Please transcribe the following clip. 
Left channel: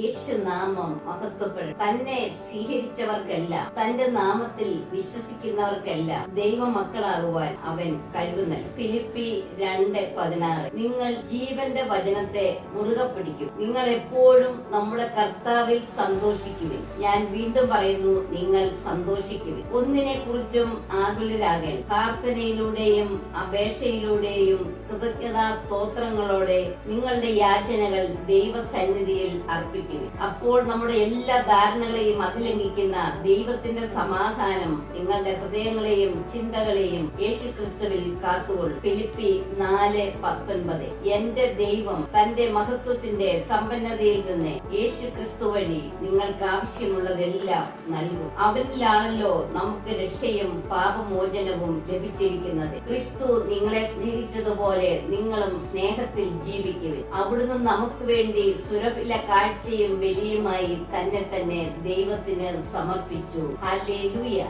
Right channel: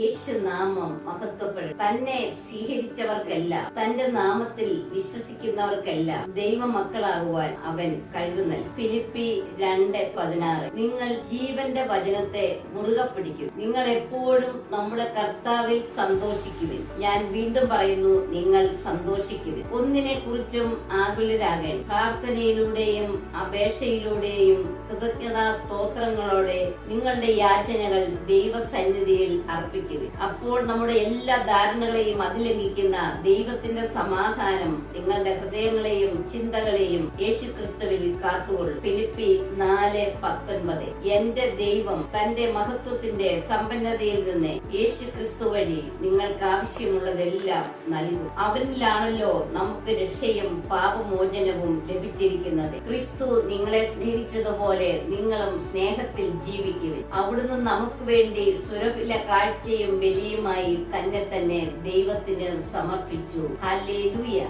യേശുനാമം മഹത്വപ്പെടും. തന്നെ സ്വീകരിച്ചവർക്കല്ല, തന്റെ നാമത്തിൽ വിശ്വസിക്കുന്നവർക്കല്ല ദൈവമക്കളാകുവാൻ അവൻ കഴിവുന്നല്ല. ഫിലിപ്പി 2:16. നിങ്ങൾ ജീവന്റെ വചനത്തെ മുറുകെ പിടിക്കും. നിങ്ങൾ എപ്പോഴും നമ്മുടെ കർത്താവിൽ സന്തോഷിക്കുവിൻ. ഞാൻ വീണ്ടും പറയുന്നു, നിങ്ങൾ സന്തോഷിക്കുവിൻ. ഒന്നിനെ കുറിച്ചും ആകുലരാകൻ. പ്രാർത്ഥനയിലൂടെയും അപേക്ഷയിലൂടെയും കൃതജ്ഞതാ സ്തോത്രങ്ങളോടെ നിങ്ങളുടെ യാചനകൾ ദൈവസന്നിധിയിൽ അർപ്പിക്കുവിൻ. അപ്പോൾ നമ്മുടെ എല്ലാ ധാരണകളെയും അതിലംഘിക്കുന്ന ദൈവത്തിന്റെ സമാധാനം നിങ്ങളുടെ ഹൃദയങ്ങളെയും ചിന്തകളെയും യേശുക്രിസ്തുവിൽ കാത്തുകൊള്ളും. ഫിലിപ്പി 4:19. എന്റെ ദൈവം തന്റെ മഹത്വത്തിന്റെ സമ്പന്നതയിൽ നിന്ന് യേശുക്രിസ്തു വഴി നിങ്ങൾക്ക് ആവശ്യമുള്ളതെല്ലാം നൽകും. അവനിലാണല്ലോ നമുക്ക് രക്ഷയും പാപമോചനവും ലഭിച്ചിരിക്കുന്നത്. ക്രിസ്തു നിങ്ങളെ സ്നേഹിച്ചതുപോലെ നിങ്ങളും സ്നേഹത്തിൽ ജീവിക്കുവിൻ. അവിടുന്ന് നമുക്ക് വേണ്ടി സുരഭില കാഴ്ചയും ബലിയുമായി തന്നെ ദൈവത്തിന് സമർപ്പിച്ചു. ഹല്ലേലൂയ.